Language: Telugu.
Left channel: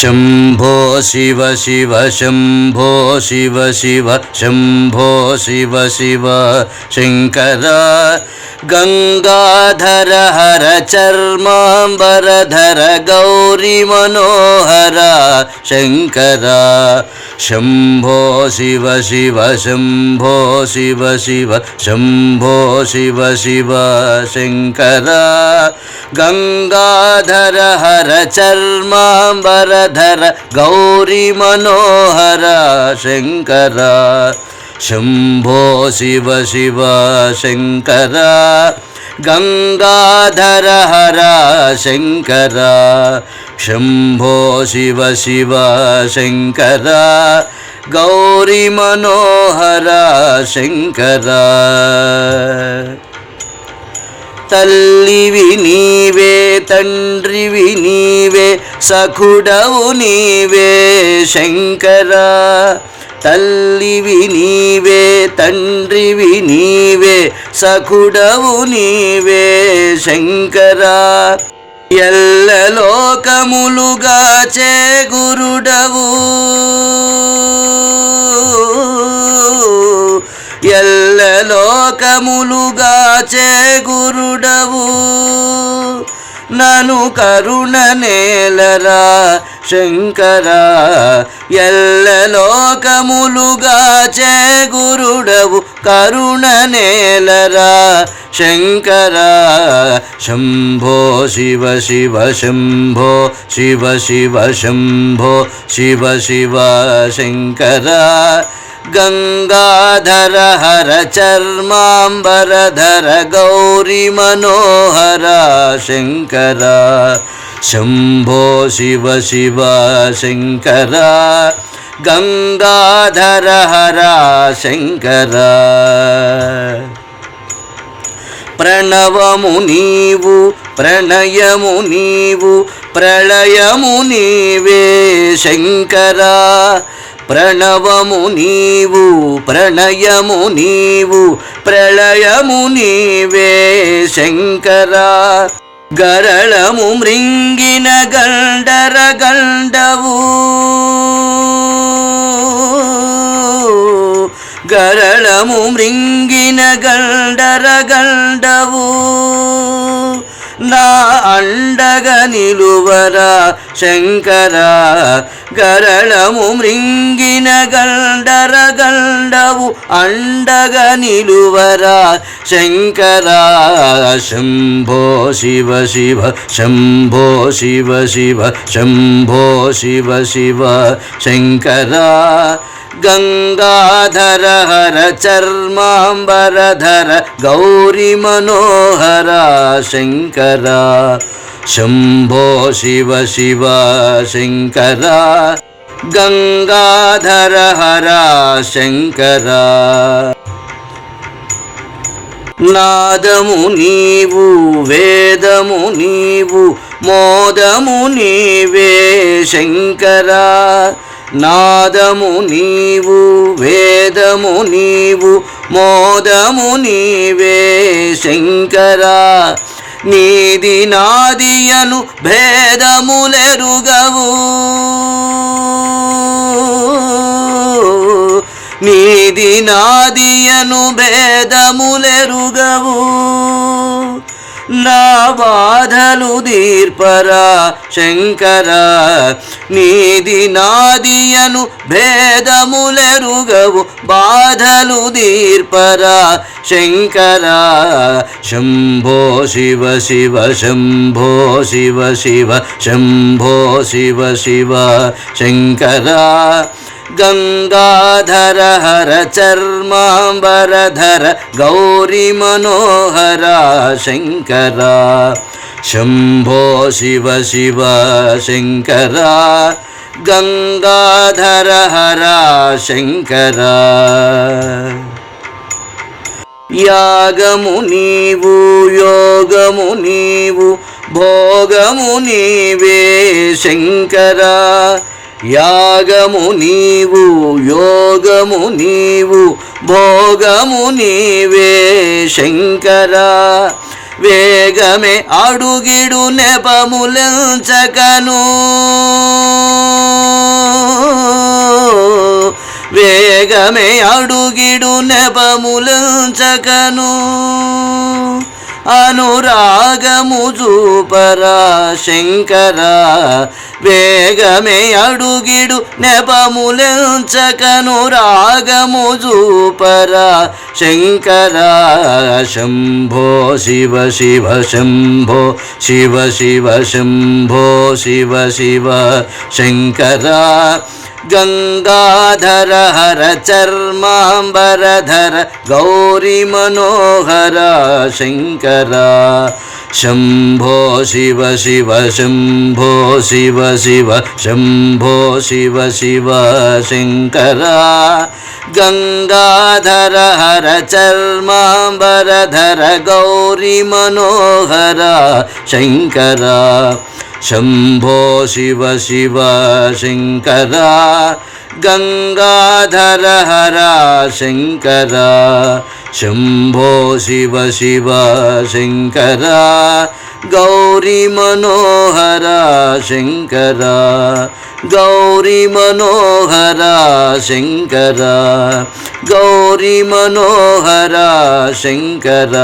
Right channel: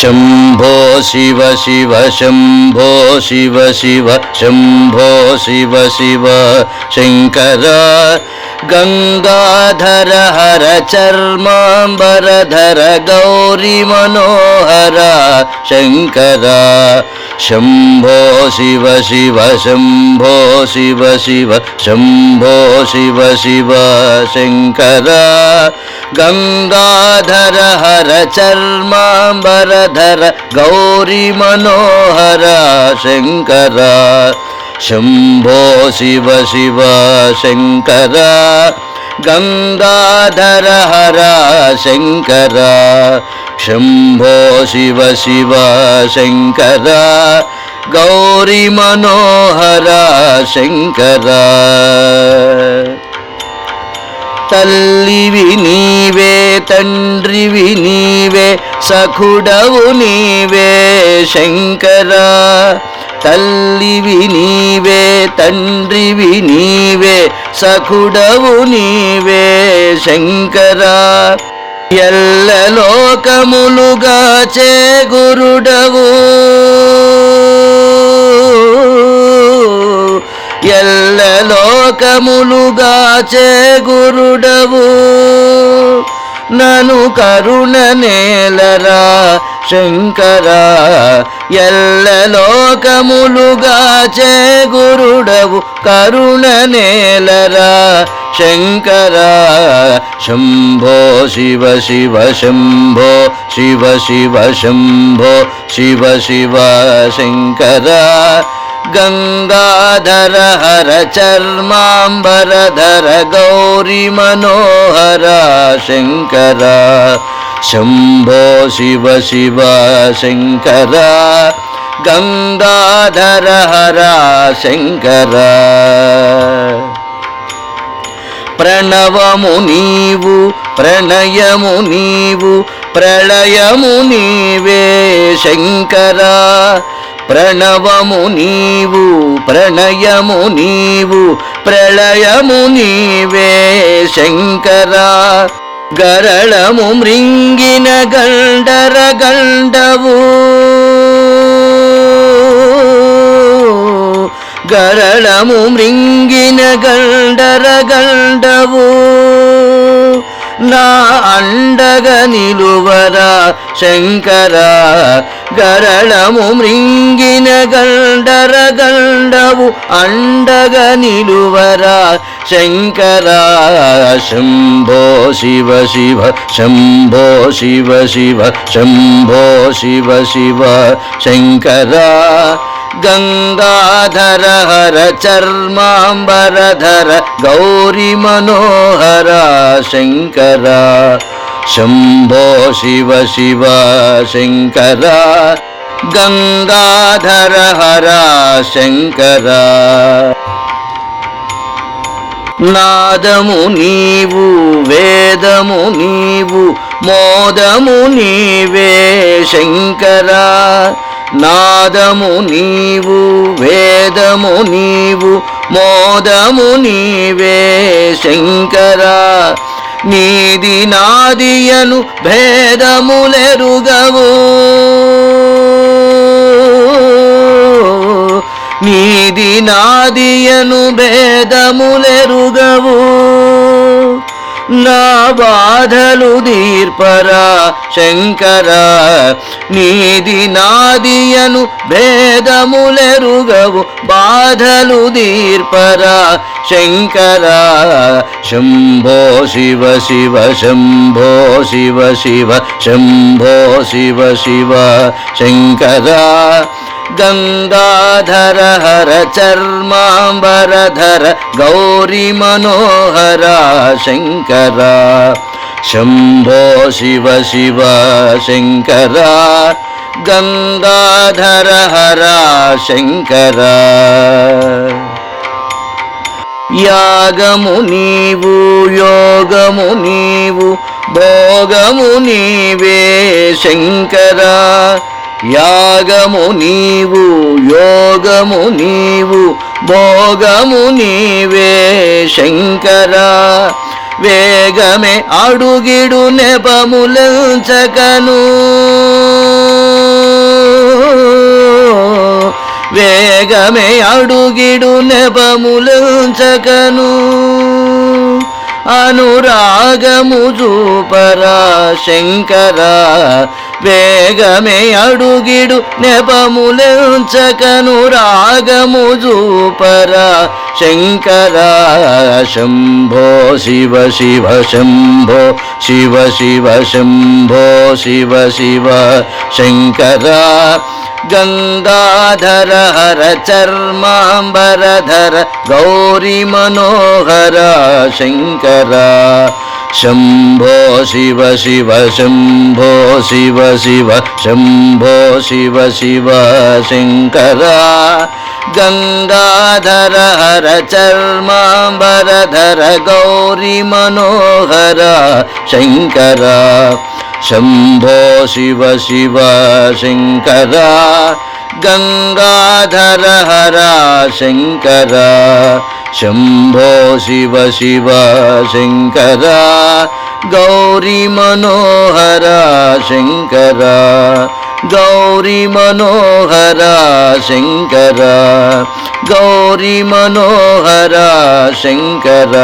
शम्भो शिव शिव शम्भो शिव शिव शम्भो शिव शिव शङ्कर गंगाधर हर चर्मांबरधर गौरी मनोहर शङ्कर शम्भो शिव शिव शम्भो शिव शिव शम्भो शिव शिव शङ्कर गंगाधर हर चर्मांबरधर गौरी मनोहर शङ्कर शम्भो शिव शिव शङ्कर गंगाधर हर शङ्कर शम्भो शिव शिव शङ्कर गौरी मनोहर शङ्कर तल्लिवि नीवे तंड्रिवि नीवे सखुडवु नीवे शंकर तल्लिवि नीवे तंड्रिवि नीवे सखुडवु नीवे शंकर ఎల్ల లోకములుగాచే గురుడవు ఎల్ల లోకములుగాచే గురుడవు నను కరుణ నేలరా శంకర ఎల్ల లోకములుగాచే గురుడవు కరుణ నేలరా శంకర శంభో శివ శివ శంభో శివ శివ శంభో శివ శివ శంకర गंगाधर हर चर्मांबरधर गौरी मनोहर शंकर शंभो शिव शिव शंकर गंगाधर हर शंकर प्रणवमु नीवु प्रणयमु नीवु प्रलयमु नीवे शंकर प्रणवमु नीवु प्रणयमु नीवु प्रलयमु नीवे शंकर गरळमु मृंगिन गंडर गंडवु गरळमु मृंगिन गंडर गंडवु ना अंडग निलुवरा शंकर गरळमु मृंगिन गंडर गंडवु अंडग निलुवरा शंकर शंभो शिव शिव शंभो शिव शिव शंभो शिव शिव शंकर गंगाधर हर चर्मांबरधर गौरी मनोहर शंकर शंभो शिव शिव शंकर गंगाधर हर शंकर नादमु नीवु वेदमु नीवु मोदमु नीवे शंकर नादमु नीवु वेदमु नीवु मोदमु नीवे शंकर नीदि नादियनु भेदमुलेरुगवु नीदि नादियनु भेदमुलेरुगवु ना बाधलु दीर्परा शंकर नीदि नादियनु भेदमुलेरुगवु बाधलु दीर्परा शंकर शंभो शिव शिव शंभो शिव शिव शंभो शिव शिव शंकर गंगाधर हर चर्मांबरधर गौरी मनोहर शंकर शंभो शिव शिव शंकर गंगाधर हर शंकर यागमु नीवु योगमु नीवु भोगमु नीवे शंकर यागमु नीवु योगमु नीवु भोगमु नीवे शंकर వేగమే అడుగిడు నెపములంచకను వేగమే అడుగిడు నెపములంచకను అనురాగము చూపరా శంకరా వేగమే అడుగిడు నెపములంచకను రాగము చూపరా శంకరా శంభో శివ శివ శంభో శివ శివ శంభో శివ శివ శంకరా గంగాధర హర చర్మాంబరధర గౌరీ మనోహర శంకర శంభో శివ శివ శంభో శివ శివ శంభో శివ శివ శంకర గంగాధర హర చర్మాంబరధర గౌరీ మనోహర శంకర శంభో శివ శివ శంకర గంగాధర హర శంకర శంభో శివ శివ శంకర గౌరీ మనోహర శంకర గౌరీ మనోహర శంకర గౌరీ మనోహర శంకర